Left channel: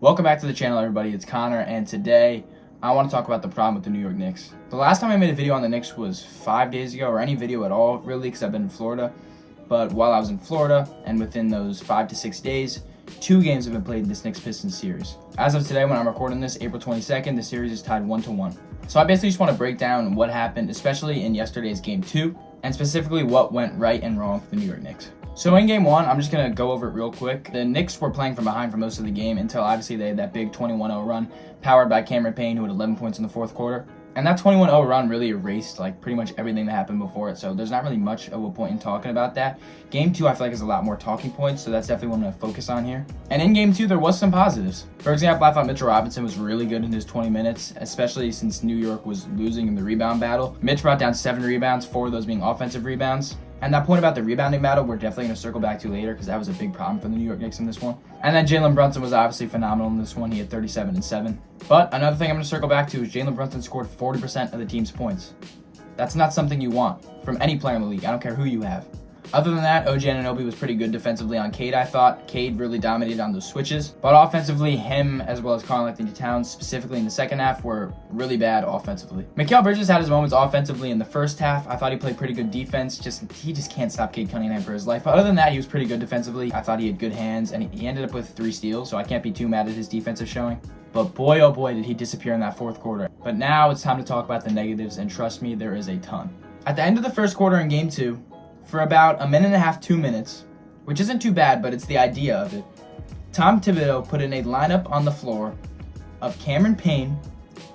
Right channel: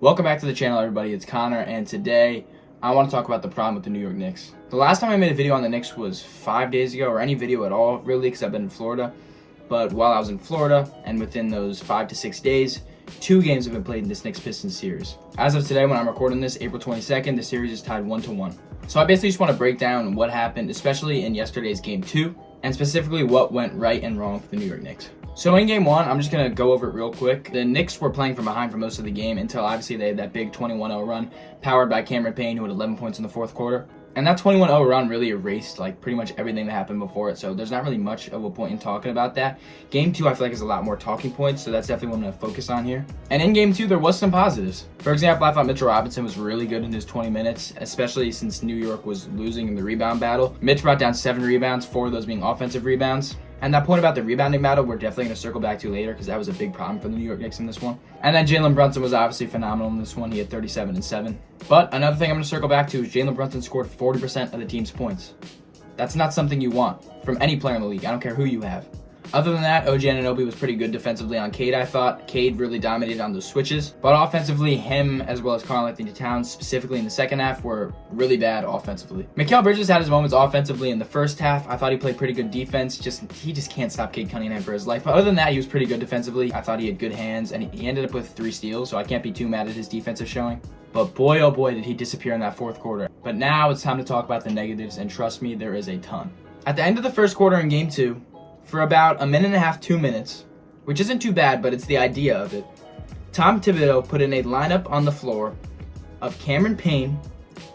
Welcome back to the channel, everybody. It's Connor, and today I want to talk about the problem with the New York Knicks. The last time I made a video on the Knicks was 5 days ago, or any video at all, really, because I've been in Florida. But while I was in Florida, and within those 5 to 6 days, 2 games have been played in this Knicks-Pistons series. As of today, when I'm recording this, April 22nd, the series is tied 1-1. So I basically just want to break down what happened, especially in yesterday's Game 2, and specifically what went right and wrong for the New York Knicks. So in Game 1, I'm just going to go over it real quick. The Knicks were playing from behind for most of the game until obviously they had that big 21-0 run powered by Cameron Payne, who had 11 points in the fourth quarter. And that 21-0 run really erased like pretty much everything that happened before it, so there's not really much of a point in talking about that. Game 2 I feel like is a lot more talking points, so that's definitely what I'm going to focus on here. And in Game 2 there was some positives. For example, I thought Mitchell Robinson was really good in his 20 minutes, especially since New York was losing in the rebound battle. Mitch brought down 7 rebounds, 4 of those being offensive rebounds. And that point about the rebounding battle, we're definitely going to circle back to later because that was a big problem for the New York Knicks in this one. And then Jalen Brunson was obviously phenomenal in this one. He had 37 and 7. But another thing I'm going to circle back to is Jalen Brunson scored 40% of the team's points. That's not something you want from any player in the league. I don't care who you have. Other than that, OG Anunoby was pretty good defensively on Cade, I thought. Cade really dominated on those switches. But offensively, him as well as Karl-Anthony Towns, specifically in the second half, were really bad offensively. Mikal Bridges had his moments offensively in the first half. I thought he played pretty good defense. He just can't stop Cade Cunningham for his life. But other than that, he was pretty good defensively. I thought he had good hands, and he ended up with 3 steals, so I can't be too mad at his defensive showing. But boy, oh boy, did he disappear in that fourth quarter. But now it's time to talk about the negatives, and trust me, there is a ton. At the end of the first quarter in Game 2, for about a minute and a half, 2 minutes, which isn't too bad, but it's the idea of it, Tom Thibodeau put in a lineup on the floor of Cameron Payne,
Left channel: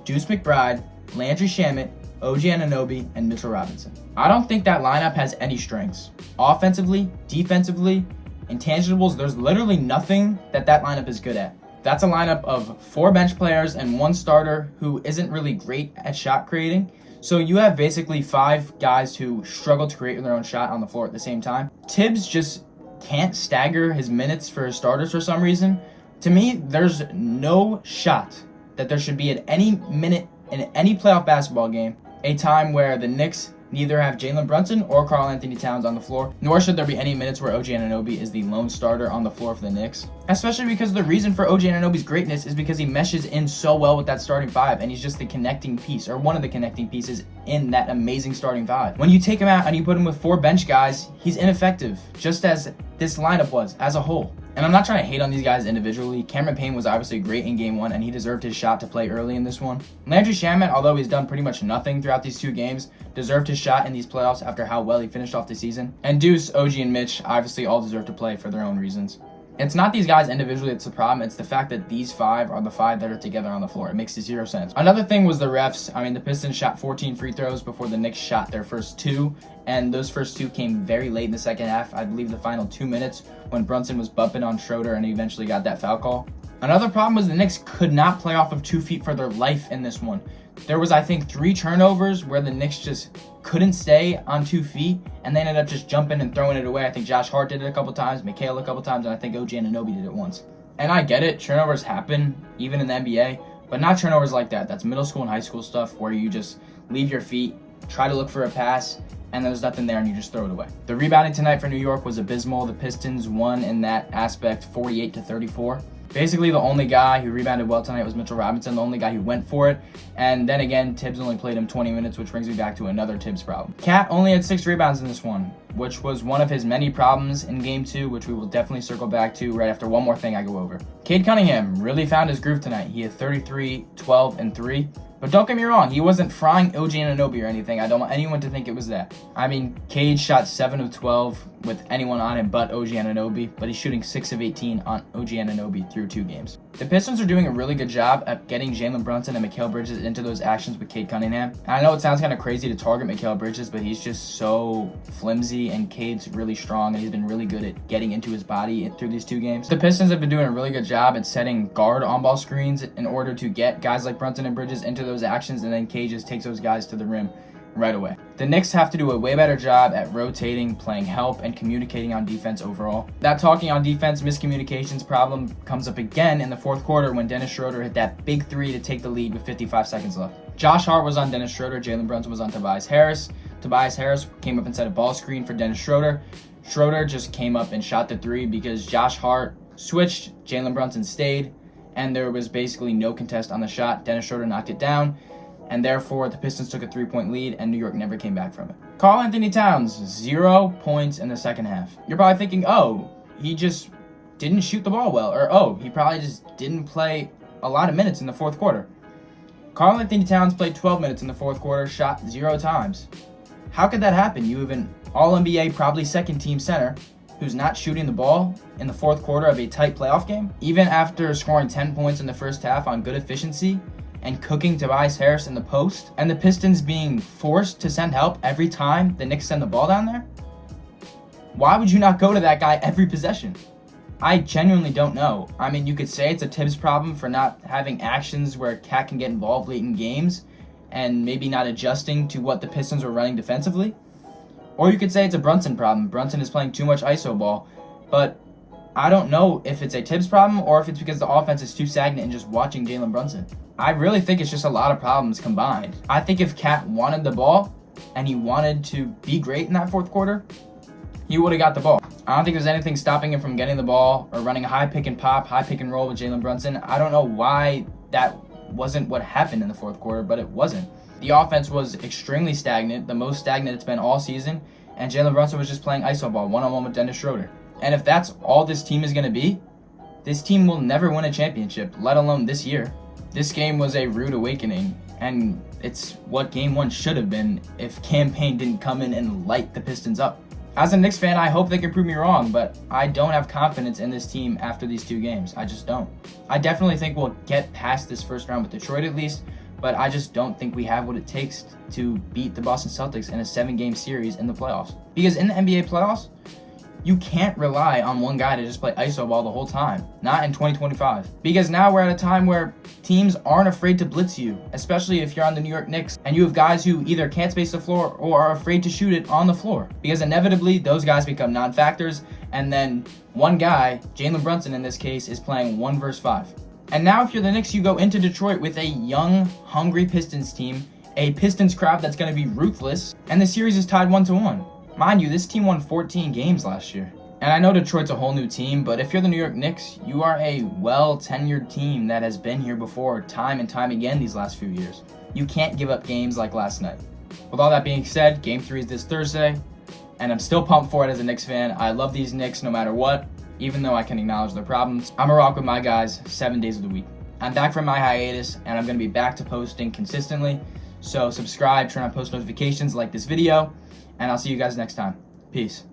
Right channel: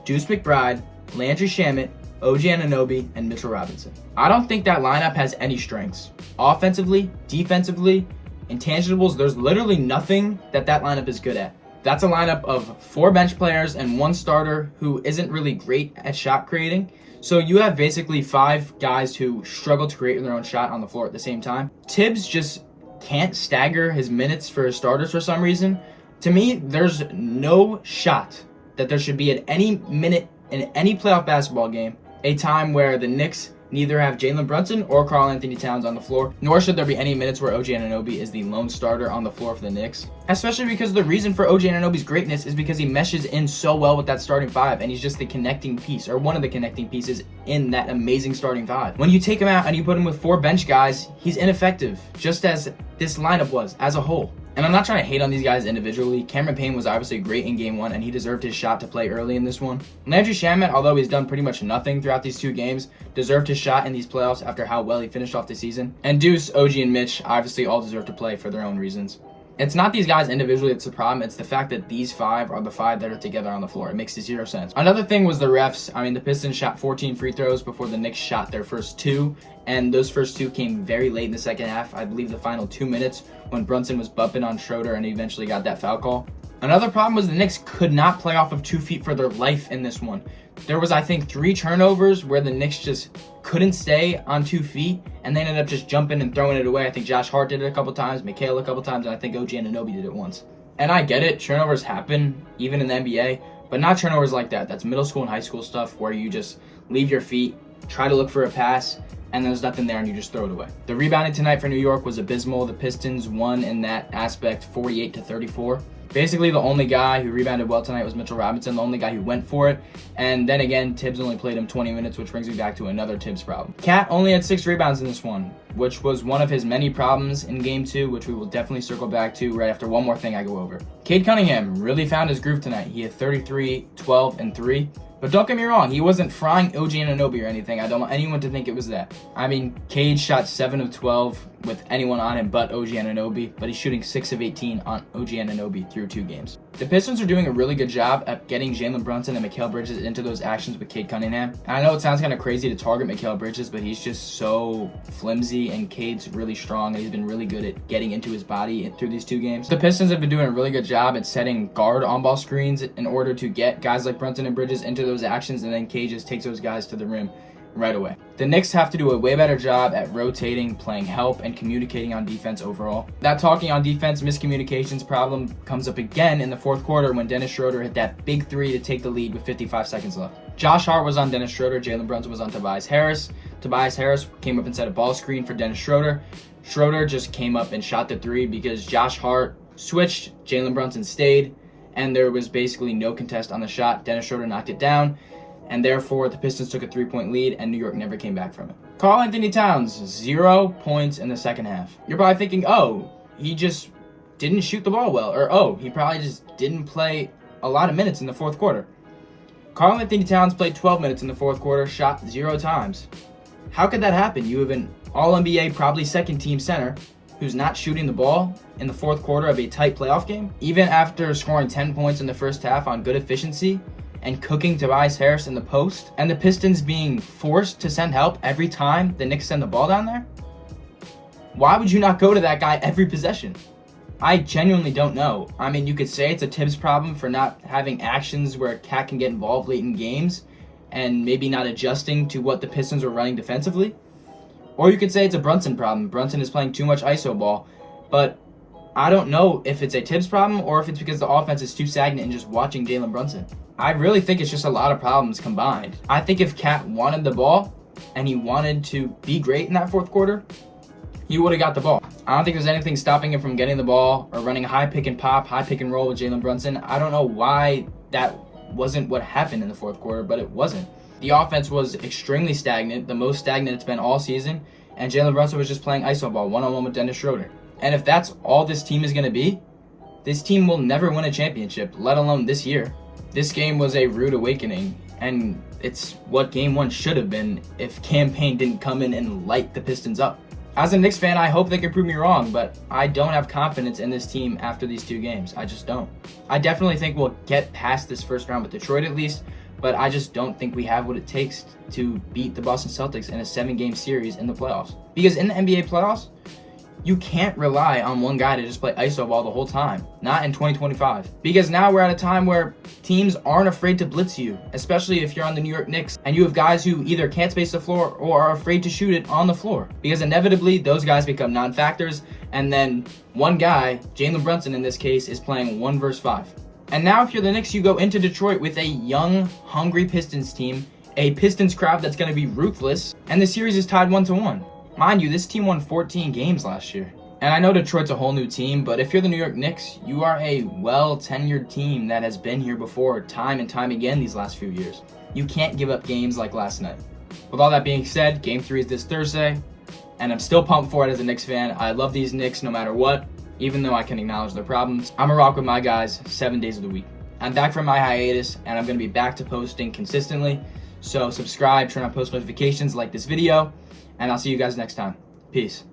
Deuce McBride, Landry Shamet, OG Anunoby, and Mitchell Robinson. I don't think that lineup has any strengths. Offensively, defensively, intangibles, there's literally nothing that lineup is good at. That's a lineup of 4 bench players and 1 starter who isn't really great at shot creating. So you have basically 5 guys who struggle to create their own shot on the floor at the same time. Tibbs just can't stagger his minutes for his starters for some reason. To me, there's no shot that there should be at any minute in any playoff basketball game a time where the Knicks neither have Jalen Brunson or Karl-Anthony Towns on the floor, nor should there be any minutes where OG Anunoby is the lone starter on the floor for the Knicks. Especially because the reason for OG Anunoby's greatness is because he meshes in so well with that starting 5, and he's just the connecting piece, or one of the connecting pieces in that amazing starting 5. When you take him out and you put him with 4 bench guys, he's ineffective, just as this lineup was as a whole. And I'm not trying to hate on these guys individually. Cameron Payne was obviously great in Game 1, and he deserved his shot to play early in this one. Landry Shamet, although he's done pretty much nothing throughout these 2 games, deserved his shot in these playoffs after how well he finished off the season. And Deuce, OG, and Mitch obviously all deserve to play for their own reasons. It's not these guys individually that's the problem. It's the fact that these 5 are the 5 that are together on the floor. It makes 0 sense. Another thing was the refs. I mean, the Pistons shot 14 free throws before the Knicks shot their first 2. And those first 2 came very late in the second half. I believe the final 2 minutes when Brunson was bumping on Schroeder and he eventually got that foul call. Another problem was the Knicks could not play off of 2 feet for their life in this one. There was, I think, 3 turnovers where the Knicks just couldn't stay on 2 feet, and they ended up just jumping and throwing it away. I think Josh Hart did it a couple times, Mikal a couple times, and I think OG Anunoby did it once. And I get it, turnovers happen, even in the NBA, but not turnovers like that. That's middle school and high school stuff where you just leave your feet, try to look for a pass, and there's nothing there and you just throw it away. The rebounding tonight for New York was abysmal. The Pistons won in that aspect 48-34. Basically, the only guy who rebounded well tonight was Mitchell Robinson, the only guy who went for it. And then again, Tibbs only played him 20 minutes, which brings me back to another Tibbs problem. Cat only had 6 rebounds in this one, which was one of his many problems in Game 2, which we will definitely circle back to right after one more thing I go over. Cade Cunningham really found his groove tonight. He had 33, 12, and 3. But don't get me wrong, he wasn't frying OG Anunoby or anything. I don't want anyone to think it was that. I mean, Cade shot 7 of 12 with anyone on him but OG Anunoby, but he's shooting 6 of 18 on OG Anunoby through 2 games. The Pistons are doing a really good job at getting Jalen Brunson and Mikal Bridges into those actions with Cade Cunningham. And I know it sounds kind of crazy to target Mikal Bridges, but he's just so flimsy, and Cade's really strong, and he's been really good at getting into his body through these 2 games. The Pistons have been doing a really good job at setting guard on-ball screens in order to get guys like Brunson and Bridges into those actions, and then Cade just takes those guys to the rim right away. The Knicks have to do a way better job at rotating, playing help, and communicating on defense overall. That talking on defense miscommunications problem comes up again in the fourth quarter when Dennis Schroeder hit that big 3 to take the lead with 55 seconds left. Josh Hart was on Dennis Schroeder, Jalen Brunson was on Tobias Harris. Tobias Harris came up and set a ball screen for Dennis Schroeder. Schroeder just came up and shot the 3 because Josh Hart switched, Jalen Brunson stayed, and there was basically no contest on the shot. Dennis Schroeder knocked it down, and therefore the Pistons took a 3-point lead, and New York never came back from it. Karl-Anthony Towns, 0 points in the second half. You're probably thinking, oh, he just didn't shoot the ball well, or oh, he probably just didn't play a lot of minutes in the fourth quarter. Karl-Anthony Towns played 12 minutes in the fourth quarter, shot 0 times. How could that happen? You have an All-NBA, probably second-team center who's not shooting the ball in the fourth quarter of a tight playoff game, even after scoring 10 points in the first half on good efficiency and cooking Tobias Harris in the post, and the Pistons being forced to send help every time the Knicks send the ball down there? Why would you not go to that guy every possession? I genuinely don't know. I mean, you could say it's a Tibbs problem for not having actions where Cat can get involved late in games and maybe not adjusting to what the Pistons were running defensively. Or you could say it's a Brunson problem. Brunson is playing too much ISO ball. But I don't know if it's a Tibbs problem or if it's because the offense is too stagnant and just watching Jalen Brunson. I really think it's just a lot of problems combined. I think if Cat wanted the ball and he wanted to be great in that fourth quarter, he would have got the ball. I don't think there's anything stopping him from getting the ball or running a high pick and pop, high pick and roll with Jalen Brunson. I don't know why that wasn't what happened in the fourth quarter, but it wasn't. The offense was extremely stagnant, the most stagnant it's been all season, and Jalen Brunson was just playing ISO ball one-on-one with Dennis Schroeder. And if that's all this team is going to be, this team will never win a championship, let alone this year. This game was a rude awakening, and it's what game one should have been if Cam Payne didn't come in and light the Pistons up. As a Knicks fan, I hope they can prove me wrong, but I don't have confidence in this team after these 2 games. I just don't. I definitely think we'll get past this first round with Detroit at least, but I just don't think we have what it takes to beat the Boston Celtics in a 7-game series in the playoffs. Because in the NBA playoffs, you can't rely on one guy to just play ISO ball the whole time. Not in 2025. Because now we're at a time where teams aren't afraid to blitz you, especially if you're on the New York Knicks and you have guys who either can't space the floor or are afraid to shoot it on the floor. Because inevitably, those guys become non-factors, and then one guy, Jalen Brunson in this case, is playing 1 versus 5. And now if you're the Knicks, you go into Detroit with a young, hungry Pistons team, a Pistons crowd that's going to be ruthless, and the series is tied 1-1. Mind you, this team won 14 games last year. And I know Detroit's a whole new team, but if you're the New York Knicks, you are a well-tenured team that has been here before time and time again these last few years. You can't give up games like last night. With all that being said, Game 3 is this Thursday, and I'm still pumped for it as a Knicks fan. I love these Knicks no matter what, even though I can acknowledge their problems. I'm a rock with my guys 7 days of the week. I'm back from my hiatus, and I'm going to be back to posting consistently. So subscribe, turn on post notifications, like this video, and I'll see you guys next time. Peace.